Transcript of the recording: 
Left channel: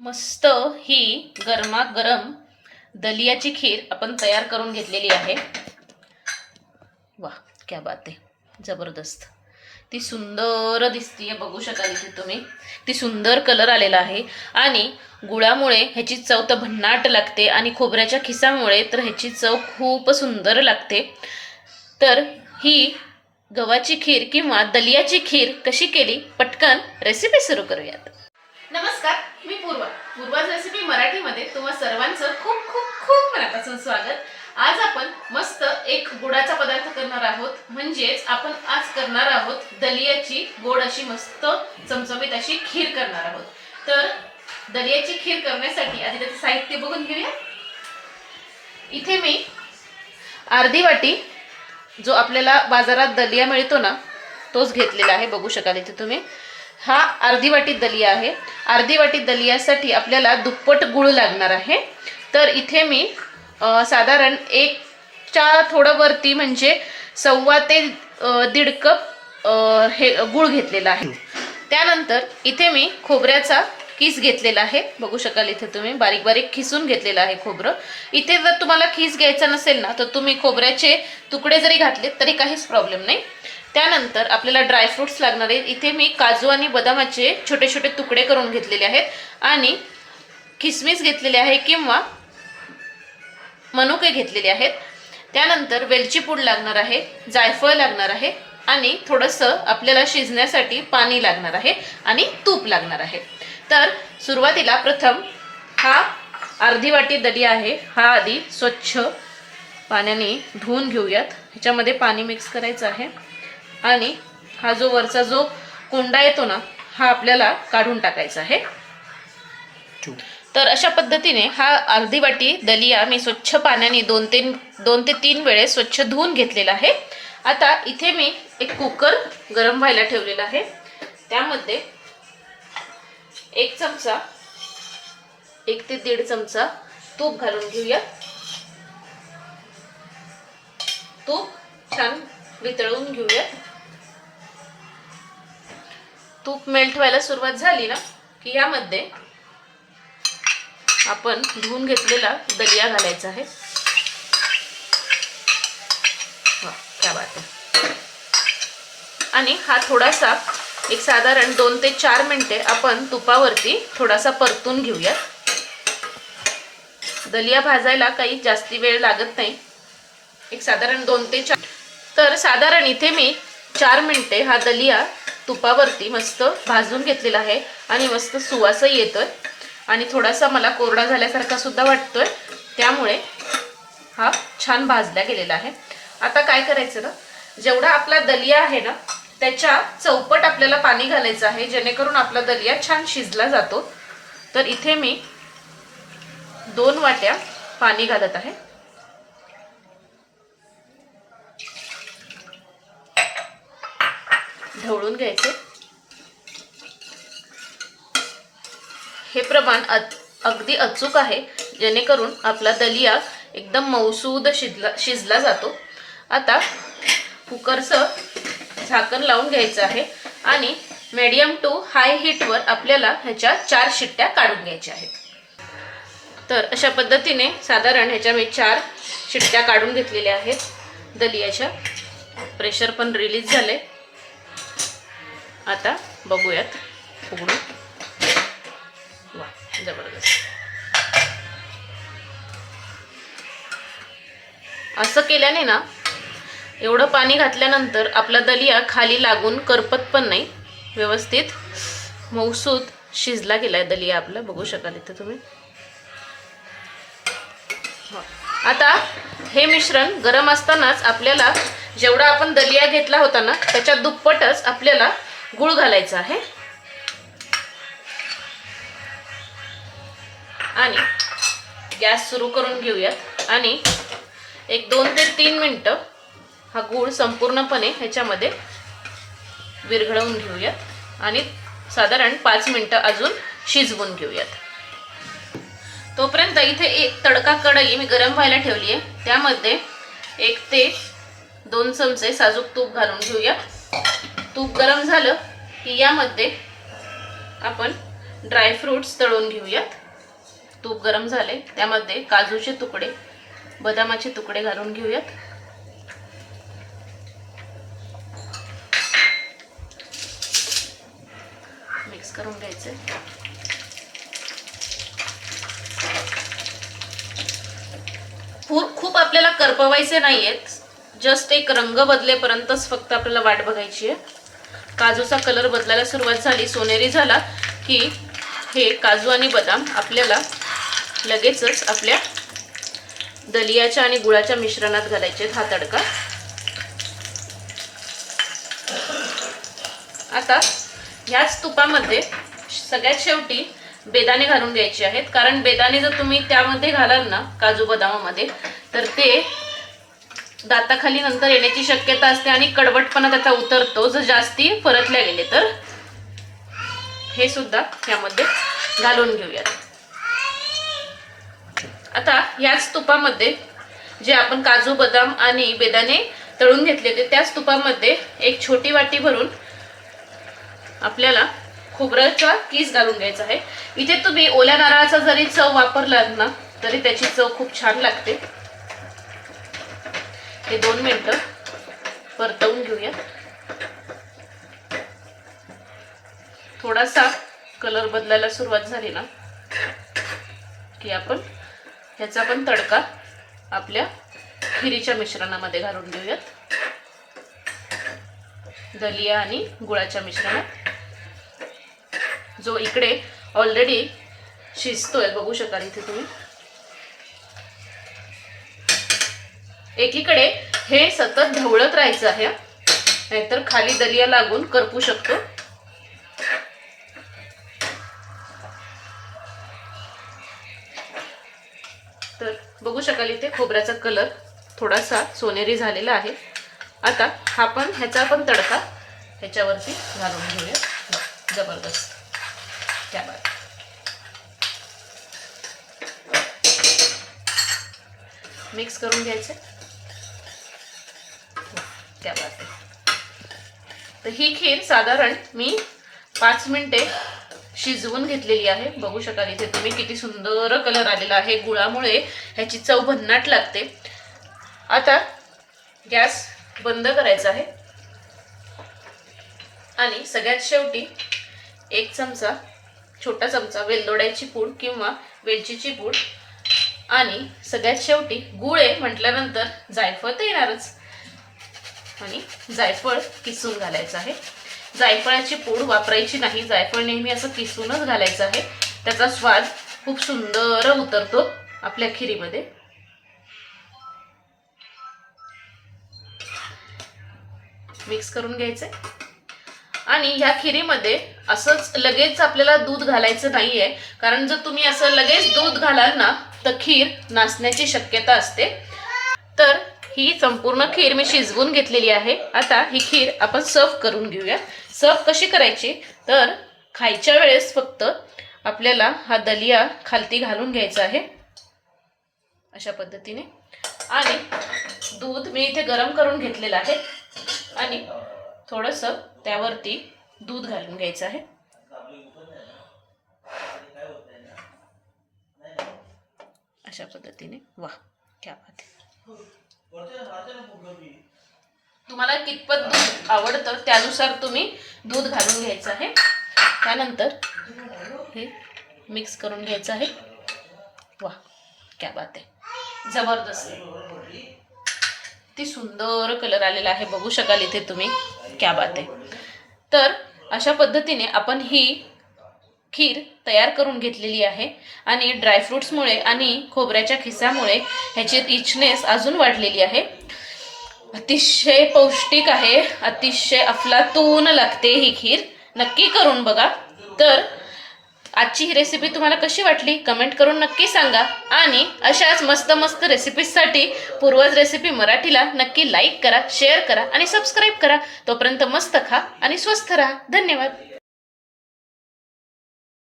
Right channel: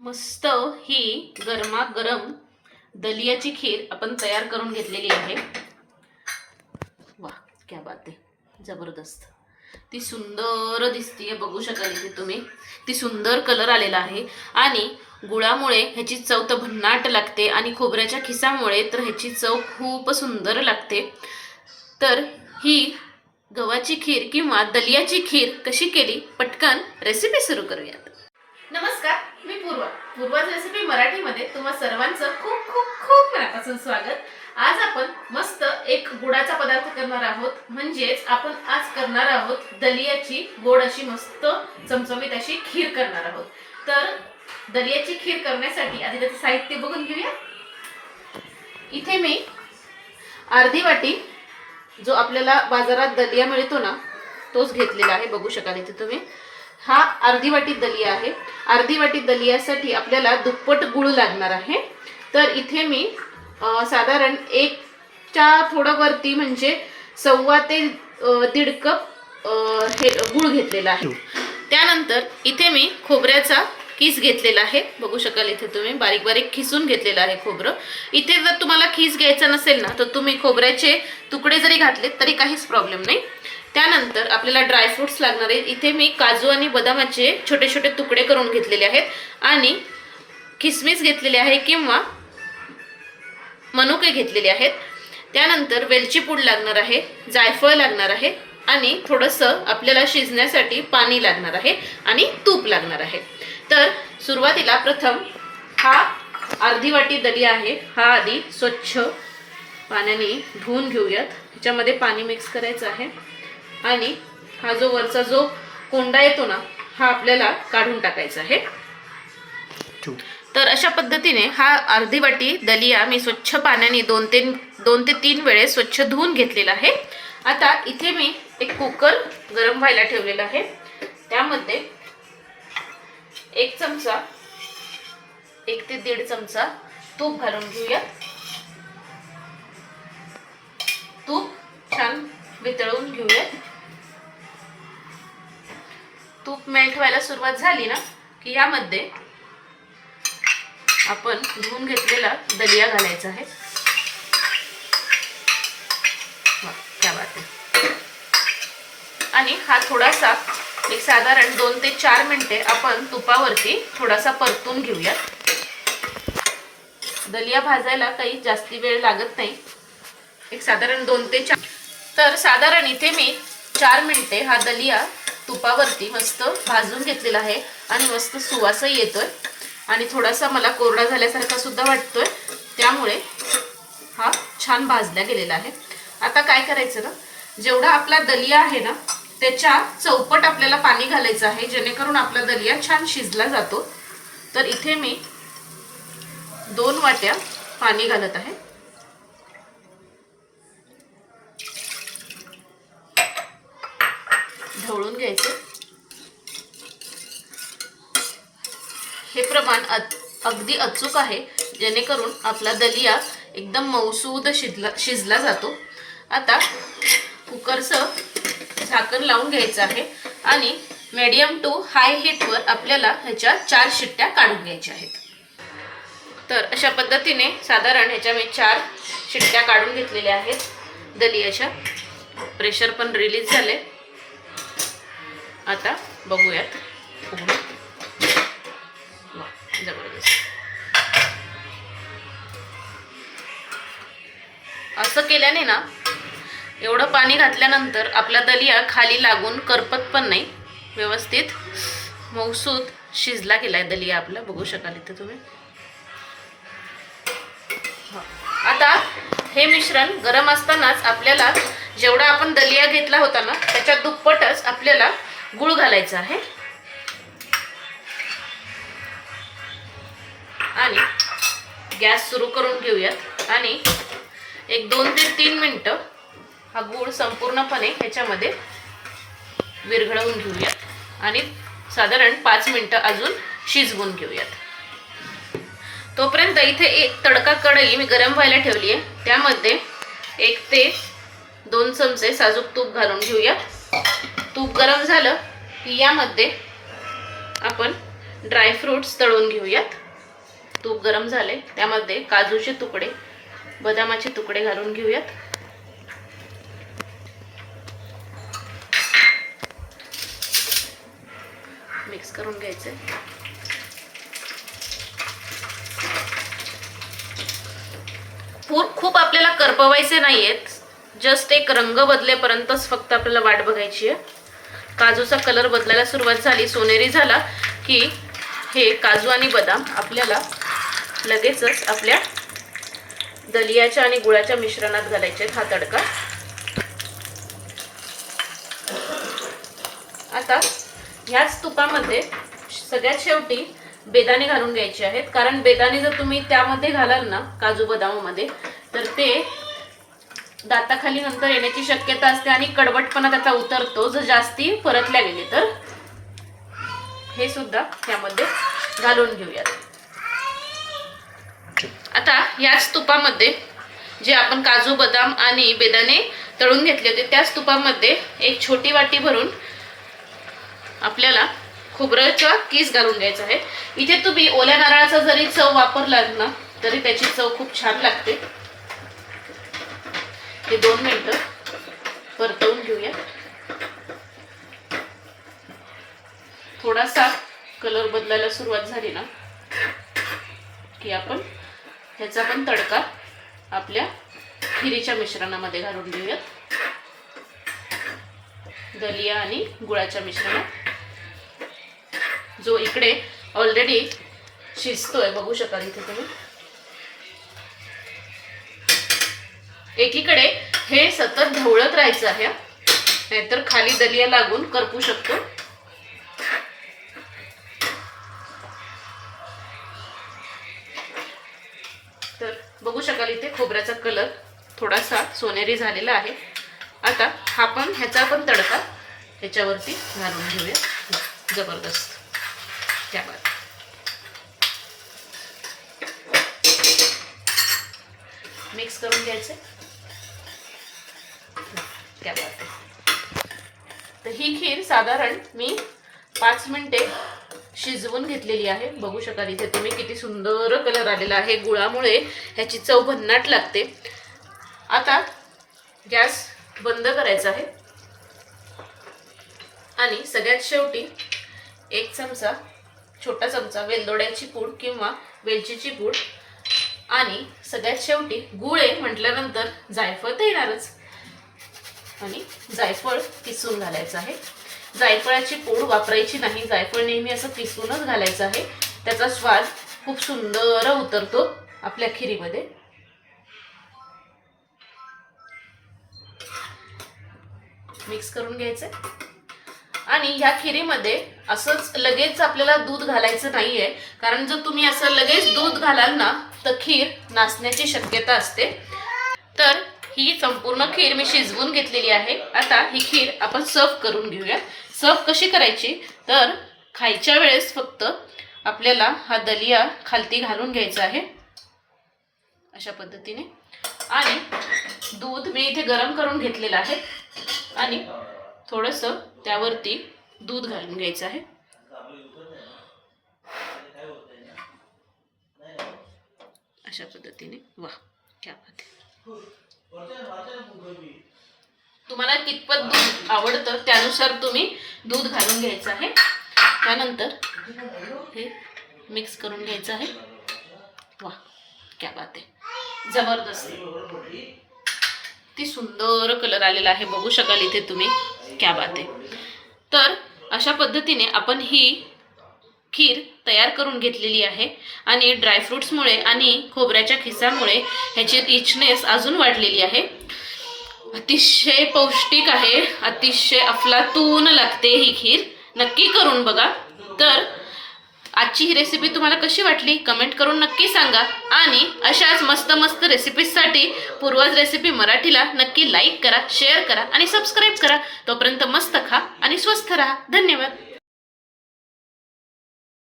मस्त ही गरमागरम दलियाची खीर आपण तयार करून घेतलेली आहे. वा क्या बात आहे. जबरदस्त. ती सुंदर दिसतीये बघू शकाल इथे तुम्ही. ती सुंदर कलर आलेला आहे. आणि गुळामुळे ह्याची चव तर भन्नाट लागते आणि खोबऱ्याच्या खिसामुळे तर ह्याची चव खूप सुंदर लागते. तर ही गव्हाची खीर किंवा दलियाची खीर कशी केली? पटकन रेसिपी सुरू करूयात. नमस्कार. पूर्वा पूर्वाच रेसिपी मराठीमध्ये तुम्हा सर्वांचं खूप खूप खूप मनापासून स्वागत. आज आपण मस्त एक गुडाचा पदार्थ करणार आहोत. म्हणजेच आपण आज करणार आहोत दलियाची गोड अशी मस्त चमचमीत अशी खीर करणार आहोत. तर दलियाची खीर करण्यासाठी आधी त्याचं साहित्य बघून घेऊया. इथे मी अर्धी वाटी जो आपल्याला बाजारात दलिया मिळतो ना तोच घेतलेला आहे. बघू शकाल इथे तुम्ही. हा अर्धी वाटी दलिया आहे. अर्धी वाटी दलियासाठी आपल्याला दुप्पट गुळ लागणार आहे. तर इथे मी साधारण एकच्या थोडं वरती म्हणजे सव्वा ते दीड कप हे गुळ घेतलेला आहे. त्यानंतर इथे मी खोबऱ्याचा खीस घेतलेला आहे. बघू शकाल इथे तुम्ही बारीक बारीक खिसून घेतलेलं आहे खोबरं. इथे जर तुम्हाला खीस घ्यायचा नसेल ना तर तुम्ही खोबऱ्याचे तुकडे जरी घातले तरी काहीच प्रॉब्लेम नाही. त्यानंतर आपल्याला ड्रायफ्रुट्स लागणार आहेत. इथे मी काजू आणि बदामाचे छोटे छोटे तुकडे करून घेतलेले आहेत. आणि किसमिस घेतलेले आहे किंवा मनुके घेतलेले आहेत. त्यानंतर वेलची पूड लागणार आहे जायफळ लागणार आहे आणि थोडंसं आपल्याला शिजण्यासाठी पाणी लागणार आहे आणि तूप लागणार आहे. तर सुरुवातीला प्रथम हा अर्धी वाटी दलिया आहे. हा आधी स्वच्छ पाण्याने धुवून घेऊयात. ह्याच्यामध्ये पाणी मिक्स करायचं आहे. आणि हा जो वरचा जो कोंडा येतो ना हा आपल्याला काढून टाकायचा आहे. तर अशा पद्धतीने हा अर्धी वाटी दलिया मी स्वच्छ पाण्याने दोन ते दोन ते तीन वेळेस स्वच्छ धुवून घेतलेला आहे. आता इथे मी एक कुकर गरम व्हायला ठेवलेला आहे. त्यामध्ये एक चमचा एक ते दीड चमचा तूप घालून घेऊया. तूप छान वितळवून घेऊया. तूप मेल्ट व्हायला सुरुवात झाली ना की यामध्ये आपण धुवून घेतलेला दलिया घालायचा आहे. आणि हा थोडासा एक साधारण दोन ते चार मिनिटे आपण तुपावरती थोडासा परतून घेऊया. दलिया भाजायला काही जास्ती वेळ लागत नाही. एक साधारण दोन ते चार तर साधारण इथे मी चार मिनिटे हा दलिया तुपावरती मस्त भाजून घेतलेला आहे आणि मस्त सुवासही येतोय. आणि थोडासा मला कोरडा झाल्यासारखा सुद्धा वाटतोय. त्यामुळे हा छान भाजला गेलेला आहे. आता काय करायचं ना? जेवढा आपला दलिया आहे ना त्याच्या चौपट आपल्याला पाणी घालायचं आहे जेणेकरून आपला दलिया छान शिजला जातो. तर इथे मी दोन वाट्या पाणी घालत आहे. ढवळून घ्यायचे. हे प्रमाण अगदी अचूक आहे. जेणेकरून आपला दलिया एकदम मऊसूद शिजला शिजला जातो. आता कुकरचं झाकण लावून घ्यायचं आहे आणि मीडियम टू हाय हीटवर आपल्याला ह्याच्या चार शिट्ट्या काढून घ्यायच्या आहेत. तर अशा पद्धतीने साधारण ह्याच्या मी चार शिट्ट्या काढून घेतलेल्या आहेत. दलियाच्या प्रेशर पण रिलीज झाले आता बघूयात. उघडून वा, जबरदस्त. असं केल्याने ना एवढं पाणी घातल्यानंतर आपला दलिया खाली लागून करपत पण नाही. व्यवस्थित मौसूद शिजला गेलाय दलिया आपला. बघू शकाल इथे तुम्ही. आता हे मिश्रण गरम असतानाच आपल्याला जेवढा आपण दलिया घेतला होता ना त्याच्या दुप्पटच आपल्याला गुळ घालायचा आहे. आणि गॅस सुरू करून घेऊयात आणि एक दोन ते तीन मिनटं हा गूळ संपूर्णपणे ह्याच्यामध्ये विरघळवून घेऊयात आणि साधारण पाच मिनटं अजून शिजवून घेऊयात. तोपर्यंत इथे एक तडका कढई मी गरम व्हायला ठेवली आहे त्यामध्ये एक ते दोन चमचे साजूक तूप घालून घेऊयात. तूप गरम झालं की यामध्ये आपण ड्रायफ्रूट्स तळून घेऊयात. तूप गरम झाले त्यामध्ये काजूचे तुकडे बदामाचे तुकडे घालून घेऊयात. मिक्स करून घ्यायचे. खूप खूप आपल्याला करपवायचे नाहीयेत. जस्ट एक रंग बदलेपर्यंतच फक्त आपल्याला वाट बघायची आहे. काजूचा कलर बदलायला सुरुवात झाली. सोनेरी झाला की हे काजू आणि बदाम आपल्याला लगेचच आपल्या दलियाच्या आणि गुळाच्या मिश्रणात घालायचे हा तडका. आता ह्याच तुपामध्ये सगळ्यात शेवटी बेदाणे घालून घ्यायचे आहेत. कारण बेदाणे जर तुम्ही त्यामध्ये घालाल ना काजू बदामामध्ये तर ते दाताखाली नंतर येण्याची शक्यता असते आणि कडवटपणा त्याचा उतरतो. जर जास्ती परतल्या गेले तर. हे सुद्धा यामध्ये घालून घेऊयात आता याच तुपामध्ये जे आपण काजू बदाम आणि बेदाणे तळून घेतले होते त्याच तुपामध्ये एक छोटी वाटी भरून आपल्याला खोबऱ्याचा किस घालून घ्यायचा आहे. इथे तुम्ही ओल्या नारळाचा जरी चव वापरलात ना तरी त्याची चव खूप छान लागते. हे दोन मिनिटं परतवून घेऊया. थोडासा कलर बदलायला सुरुवात झाली ना की आपण ह्याचा पण तडका आपल्या खिरीच्या मिश्रणामध्ये घालून देऊयात दलिया आणि गुळाच्या मिश्रणात. जो इकडे ऑलरेडी शिजतोय बघू शकाल इथे तुम्ही. एकीकडे हे सतत ढवळत राहायचं आहे. नाहीतर खाली दलिया लागून करपू शकतो. तर बघू शकाल इथे खोबऱ्याचा कलर थोडासा सोनेरी झालेला आहे. आता हा पण ह्याचा पण तडका ह्याच्यावरती घालून घेऊया. जबरदस्त. त्या मिक्स करून घ्यायचं. त्या तर ही खीर साधारण मी पाच मिनिटे शिजवून घेतलेली आहे. बघू शकाल इथे तुम्ही किती सुंदर कलर आलेला आहे. गुळामुळे ह्याची चव भन्नाट लागते. आता गॅस बंद करायचा आहे. आणि सगळ्यात शेवटी एक चमचा छोटा चमचा वेलदोड्याची पूड किंवा वेलचीची पूड आणि सगळ्यात शेवटी गुळ आहे म्हटल्यानंतर जायफळ तर येणारच आणि जायफळ किसून घालायचं आहे. जायफळाची पूड वापरायची नाही जायफळ नेहमी असं किसूनच घालायचं आहे. त्याचा स्वाद खूप सुंदर उतरतो आपल्या खिरीमध्ये. मिक्स करून घ्यायचंय आणि ह्या खिरीमध्ये असंच लगेच आपल्याला दूध घालायचं नाहीये. कारण जर तुम्ही असं लगेच दूध घालाल ना तर खीर नाचण्याची शक्यता असते. तर ही संपूर्ण खीर मी शिजवून घेतलेली आहे. आता ही खीर आपण सर्व करून घेऊया सर्व कशी करायची? तर खायच्या वेळेस फक्त आपल्याला हा दलिया खालती घालून घ्यायचा आहे. अशा पद्धतीने. आणि दूध मी इथे गरम करून घेतलेलं आहे. आणि थोडंसं त्यावरती दूध घालून घ्यायचं आहे. अशा पद्धतीने. वा क्या बात आहे. तुम्हाला कितपत दूध आवडतं त्यानुसार तुम्ही दूध घालून घ्यायचं आहे. त्यानंतर हे मिक्स करून घ्यायचं आहे. वा क्या बात आहे. जबरदस्त. ती सुंदर कलर आलेला आहे. बघू शकाल इथे तुम्ही. क्या बात आहे. तर अशा पद्धतीने आपण ही खीर तयार करून घेतलेली आहे. आणि ड्रायफ्रुट्समुळे आणि खोबऱ्याच्या खिसामुळे ह्याची रिचनेस अजून वाढलेली आहे. अतिशय पौष्टिक आहे. अतिशय अफलातून लागते ही खीर. नक्की करून बघा. तर आजची ही रेसिपी तुम्हाला कशी वाटली? कमेंट करून नक्की सांगा. आणि अशाच मस्त मस्त रेसिपीजसाठी पूर्वज रेसिपी मराठीला नक्की लाईक करा शेअर करा आणि सबस्क्राईब करा. तोपर्यंत मस्त खा आणि स्वस्थ राहा. धन्यवाद.